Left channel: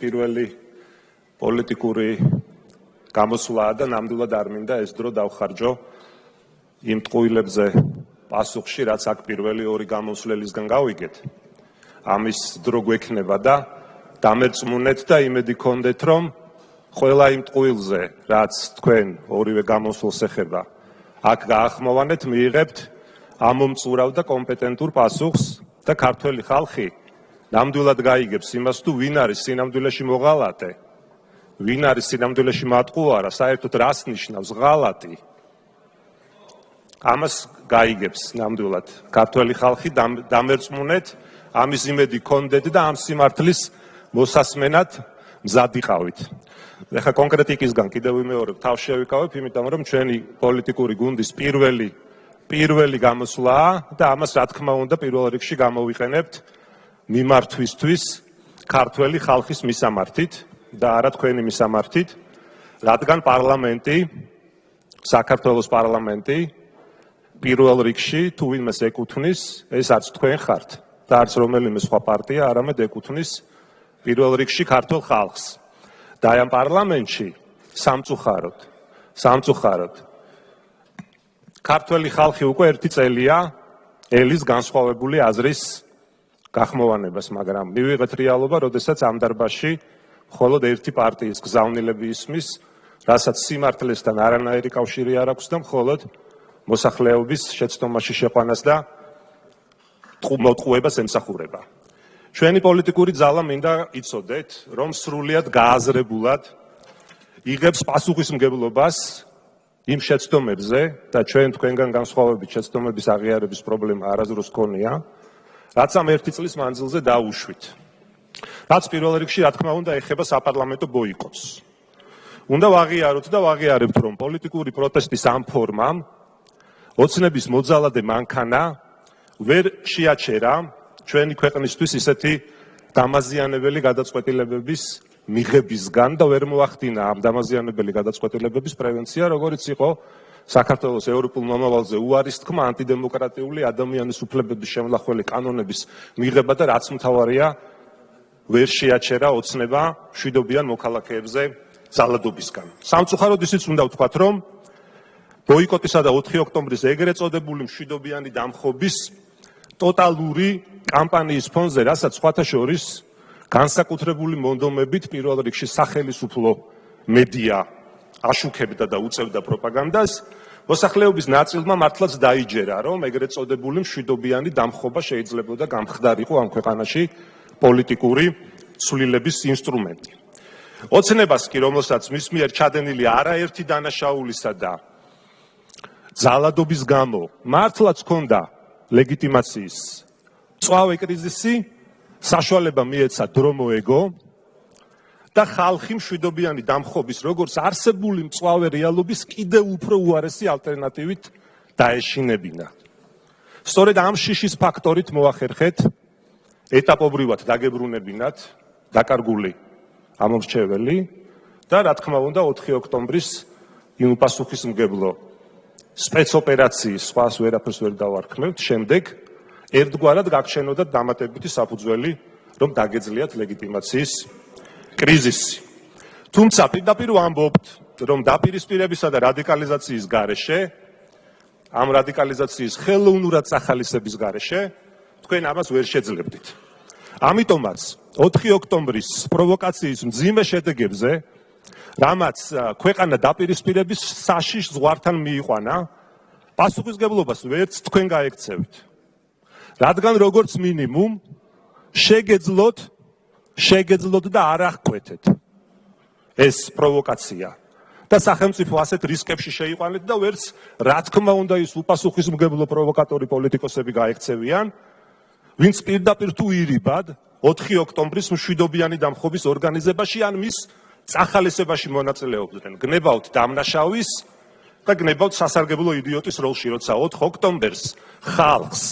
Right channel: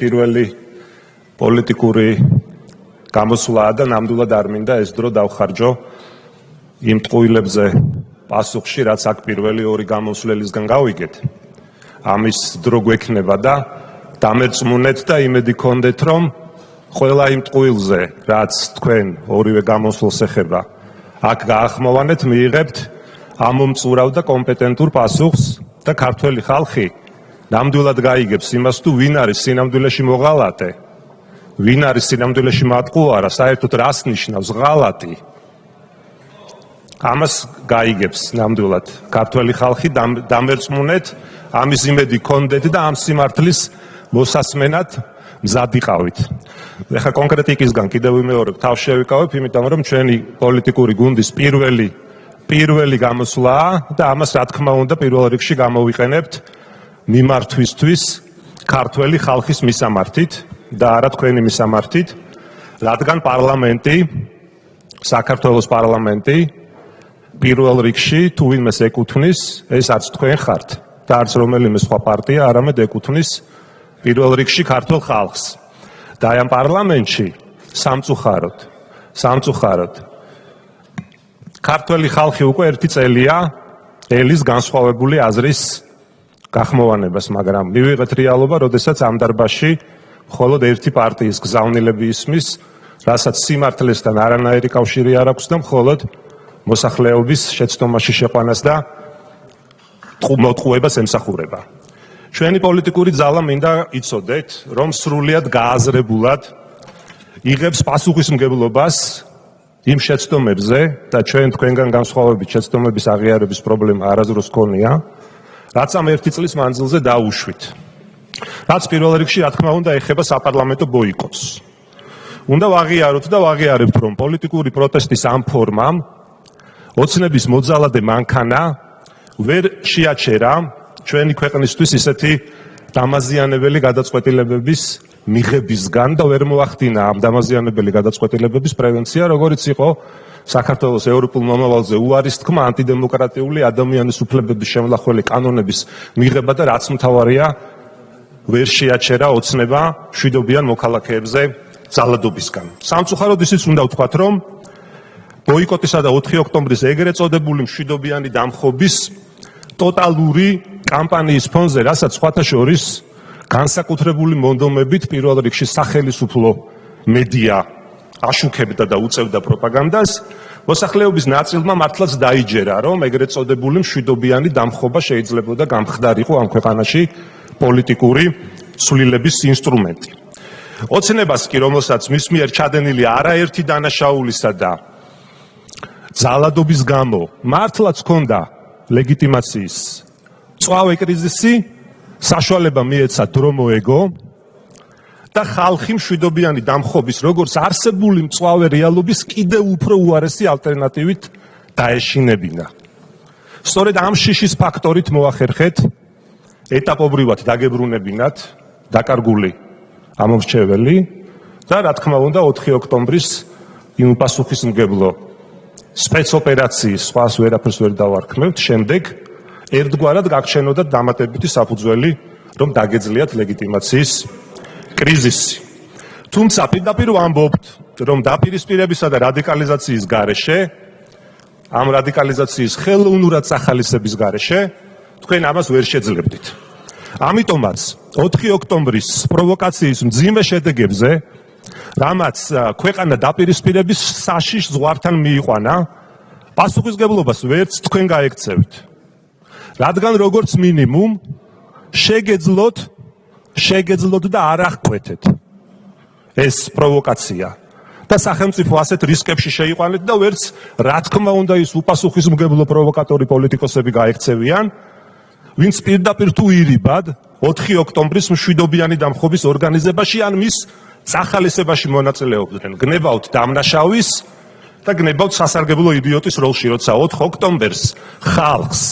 პირველი პოლიტიკური გამოსვლაა და ნამდვილად არ მინდა ეს დრო დავხარჯო იმ ტყუილებზე პასუხში, რაც აქ პირველი ორი გამოსვლელისგან გავიგეთ. ამის დრო გვექნება და დამერწმუნეთ და იმედი გქონდეთ, რომ ყველა იმ ტყუილზე, რაც თქვენ ორივე გამოსვლას ეხება, აქ გაახმოვანეთ, მიიღებთ ამომწურავ და კომპეტენტურ პასუხს და ქართველი ხალხი ნამდვილად გაიგებს იმას, თუ ვინ არის სინამდვილეში მოღალატე, ვინ არის სინამდვილეში მატყუარა, საერთოდ რას ნიშნავს ღალატი. ამას გაიგებს ნამდვილად ქართველი ხალხი, დამერწმუნეთ, ამის იმედი გქონდეთ და ამ სიმართლის მოსასმენად მზად იყავით. ეხლა კონკრეტიკისგან კიდევ ვიმეორებ, თავს შევიკავებ, იმიტომ რომ ჩვენი პოლიტიკური გუნდის პირველი გამოსვლაა და ამას რა თქმა უნდა პირველ რიგში გამოვიყენებთ მიმართვისთვის ქართველი ხალხის მისამართით და არა თქვენი მისამართით, რადგან პარლამენტი, საქართველოს პარლამენტი პირველ რიგში თუ ვინმეს ეკუთვნის, ეს არც თქვენ ხართ და არც რომელიმე სხვა პარტია, არამედ ეკუთვნის პირველ რიგში ქართულ ხალხს. და ამ პარლამენტში სამწუხაროდ ქართველი ხალხი უკვე ერთი წელია ელის განსხვავებული აზრის გახმოვანებას, მაგრამ მივიღეთ რეალობა, როდესაც ამ დარბაზში მხოლოდ ერთი პარტიის გზავნილები ისმის, რასაც სიმართლესთან არანაირი კავშირი არ აქვს და მხოლოდ მოსახლეობის შეცდომაში შეყვანას და მოტყუებას ემსახურება. ჩვენი პოლიტიკური ძალა მინდა იცოდეთ, რომ სრულიად გააზრებულად იღებს პასუხისმგებლობას იმ შეცდომებზე და ჩვენ თქვენგან განსხვავებით შეცდომების აღიარების პრობლემა არასდროს გქონია, რაც ამ ერთი წლის მანძილზე დაუშვით. რაც პირველ რიგში, რა თქმა უნდა, ეხება საპარლამენტო ბოიკოტს. უნდა ვაღიაროთ და ვაღიარებთ, რომ პოლიტიკური პროტესტის ამ ფორმამ ოცნების მოძალადე მანქანა ვერ შეაჩერა ჩვენი ქვეყნისთვის ისეთი დამაზიანებელი გადაწყვეტილებების მიღებისგან და ვერ მოახდინა ამ დამაზიანებელი გადაწყვეტილებების პრევენცია, როგორც იყო საქართველოს ევროპულ მომავალზე უარის თქმა, ანტიდემოკრატიული ადამიანის უფლებების შემლახველი კანონების მიღება და რაც მთავარია, ვერ შეაჩერა ოცნება მშვიდობიან მოქალაქეებზე ძალადობისგან. სამწუხაროდ ისიც უნდა ვთქვათ, რომ ბოიკოტისა და 4 ოქტომბრის ეგრეთ წოდებული მშვიდობიანი დამხობის ტოტალური კამპანიის ფონზე, რასაც სხვათა შორის განსაკუთრებული მონდომებით პირველ რიგში სახელმწიფო მედია აშუქებდა და უწევდა პროპაგანდას, მოსახლეობის ნაწილმა მართლაც დაიჯერა, რომ ეგრეთ წოდებული მშვიდობიანი დამხობა შეიძლებოდა გამხდარიყო ამ ქვეყანაში პოლიტიკური ცვლილების ინსტრუმენტი. ოცნებას კი, რომელსაც მის მიერ ჩადენილი არაერთი დანაშაულისა და ძალადობის გამო მართლაც ჰქონდა ლეგიტიმაციის მწვავე კრიზისი, საშუალება მიეცა დრო მოეგო და ხალხი მშვიდობიანი დამხობის როგორც არსებული მწვავე რეალობის კიდევ უფრო უარესი ალტერნატივით დაეშინებინა. სწორედ ამ შიშის ფაქტორით მოახერხეთ ეტაპობრივად დაგებრუნებინათ დაკარგული ამომრჩეველი და რა თქმა უნდა 4 ოქტომბრის იმ პასუხისმგებლო სპეცოპერაციის სხვას ვერაფერს ვერ დავარქმევთ, შემდეგ ერთგვარად გაგჩენოდათ დამატებითი საფუძველი, რომ დაგეძლიათ ლეგიტიმაციის კრიზისი. თუმცა პირდაპირ ვამბობთ, რომ დაპირისპირებისა და რადიკალიზაციის გარეშე, ამ რადიკალიზაციის ხელოვნურად სახალისების გარეშე, თქვენ ამას ვერ შეძლებდით. ამიტომაც 4 ოქტომბრის პროვოკაციის მძიმე შედეგებზე, რამაც ქვეყანა დაპირისპირების საშიშ ზღვართან მიიყვანა, პასუხისმგებლობას ვერც თქვენ გაექცევით. რადგან როგორც მინიმუმ შეგეძლოთ და არ აღკვეთეთ ეს პროვოკაცია და სახელმწიფო ასეთ რისკებში შეიყვანეთ და ვერც რა თქმა უნდა ის უპასუხისმგებლო პროვოკატორი პოლიტიკოსები გაექცევიან, ვინც პირდაპირ თუ ირიბად 4 ოქტომბრის მშვიდობიანი დამხობის ორგანიზებაში ან მის სახალისებაში მონაწილეობდნენ. გნებავთ დამნაშავის და გნებავთ სასარგებლო იდიოტის როლში, როცა 4 ოქტომბერს ხალხს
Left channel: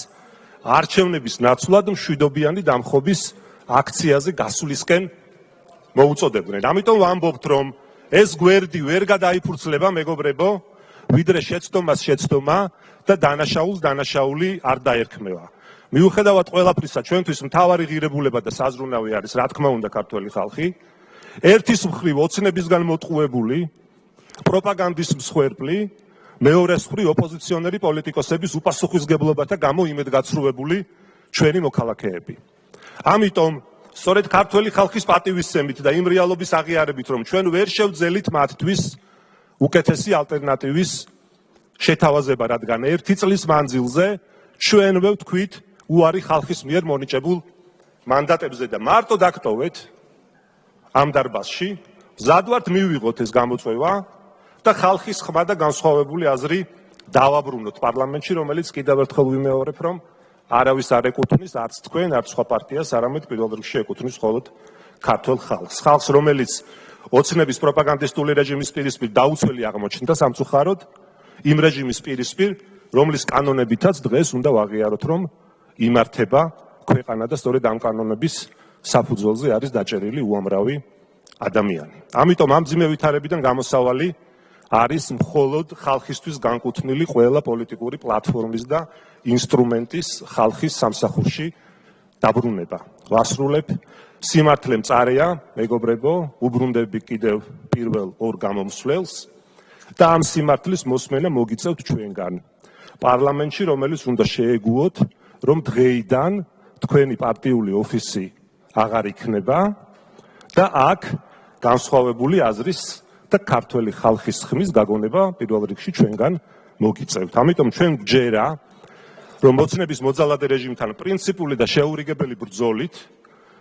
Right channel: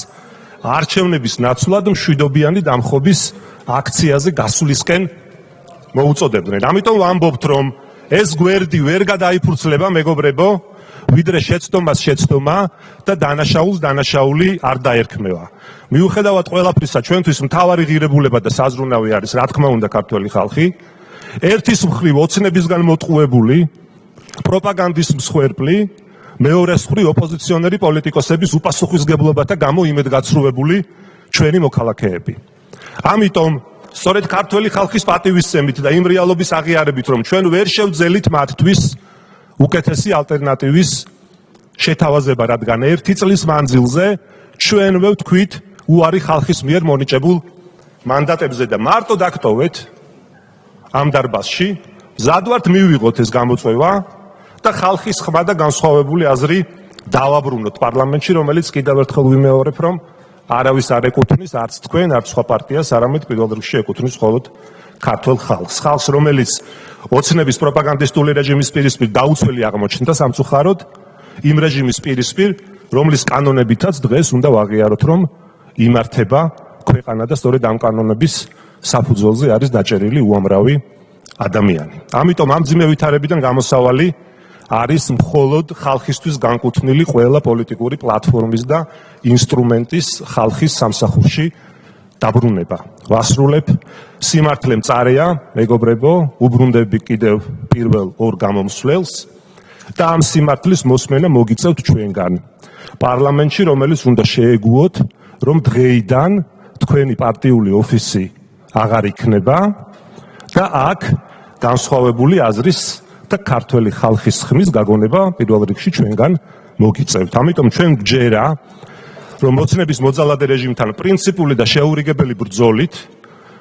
არჩევნების ნაცვლად მშვიდობიანი დამხობის აქციაზე გასვლისკენ მოუწოდებდნენ. ამიტომ ვამბობთ, რომ ეს გვერდი ვერ გადაიფურცლება, მეგობრებო, ვიდრე შეცდომა და დანაშაულს დანაშაული არ დაერქმევა. მიუხედავად ყველაფრისა, ჩვენთვის მთავარი ღირებულება და საზრუნავი არის, რა თქმა უნდა, ქართველი ხალხი ერთის მხრივ ოცნებისგან მოტყუებული პროპაგანდის მსხვერპლი, მეორეს მხრივ ოპოზიციონერი პოლიტიკოსების უპასუხისმგებლობათა გამო იმედგაცრუებული ჩვენი მოქალაქეები. ამიტომ სწორედ ქართველი ხალხის პატივისცემით და იმ რეალობის აღიარებით, რომ ჩვენ ვერ შევძელით მათთვის უკეთესი ალტერნატივის შეთავაზება, რადგან 1 წლის მანძილზე ჩვენვე ვთქვით უარი ხალხის მიერ მონიჭებულ მანდატებზე და მარტო დაგტოვეთ ამ დარბაზში, მზად ვართ მივიღოთ ეს გამოწვევა და ხალხის ხმა და განსხვავებული აზრი დავაბრუნოთ პარლამენტში, რომელიც კიდევ ერთხელ ვიმეორებ, რომ არავის არ ეკუთვნის, არც თქვენ, არც სხვა პარტიას, არამედ პირველ რიგში ეკუთვნის მხოლოდ ქართველ ხალხს. ხალხს, რომელიც ოცნების პროპაგანდისტული რეჟიმის პირისპირ დაუცველი აღმოჩნდა სამწუხაროდ, იმ რეჟიმის პირისპირ, რომლის კანონებითაც დღეს უნდა ვაღიაროთ, რომ იმართება ქვეყანა და სწორედ ამ კანონების საფუძველზე არის დაჭერილი უამრავი ადამიანი. ამიტომ ამ მძიმე ვითარებიდან გამოსავალი არის მხოლოდ ხალხისთვის განკუთვნილი ყველა პოლიტიკური პლატფორმის და ინსტრუმენტის ხალხის სამსახურში დაბრუნება. ვასრულებ, სიმართლე მწარეა, მეგობრებო, უბრუნდები კიდევ პირველ ორ გამომსვლელს და ამ სიმართლის მოსმენა მოგიწევთ ჩვენგან. პარლამენტში, რომელიც უნდა შეეგუოთ, რომ დღეიდან თქვენი პარტიული ოფისი აღარ იქნება და აქ განსხვავებული აზრის და ქართველი ხალხის ხმის გაგონება პირველ რიგში ჩვენგან მოგიწევთ. ამიტომ ჩვენ გჯერა, რომ ოცნების მოძალადე რეჟიმთან პრინციპული და შეურიგებელი ბრძოლით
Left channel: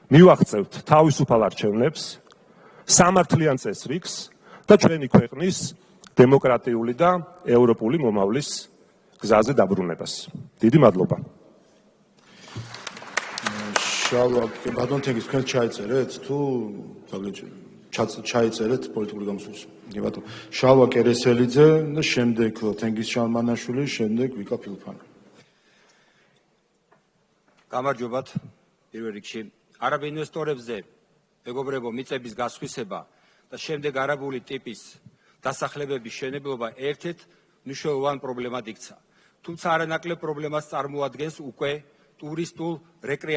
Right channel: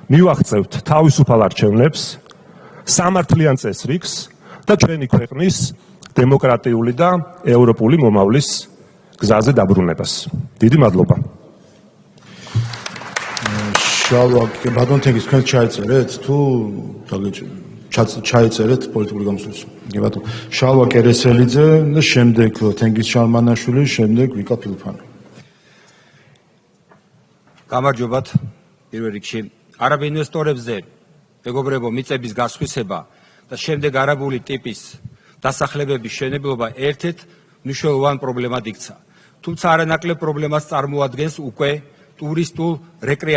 მივაღწევთ თავისუფალ არჩევნებს, სამართლიან წესრიგს და ჩვენი ქვეყნის დემოკრატიული და ევროპული მომავლის გზაზე დაბრუნებას. დიდი მადლობა. ბატონ თენგის, თქვენ ჩაიწერეთ თუ ჩაიწერეთ პოლიტიკური გამოსვლას. ბატონ შალვა კერესელიძე და შემდეგ თენგის შალმანაშვილი, შემდეგ ვიკა ფილიფანი. გამარჯობათ. პირველ რიგში არაბ ინვესტორებზე მეგობრებო მიწების გასხვისება და შემდეგ არაბული ტიპის დასახლებების შენებლობა ერთ-ერთ მნიშვნელოვან პრობლემად იქცა. თუმცა არანაკლებ პრობლემას წარმოადგენს უკვე ტურისტულ რეკრეაციულ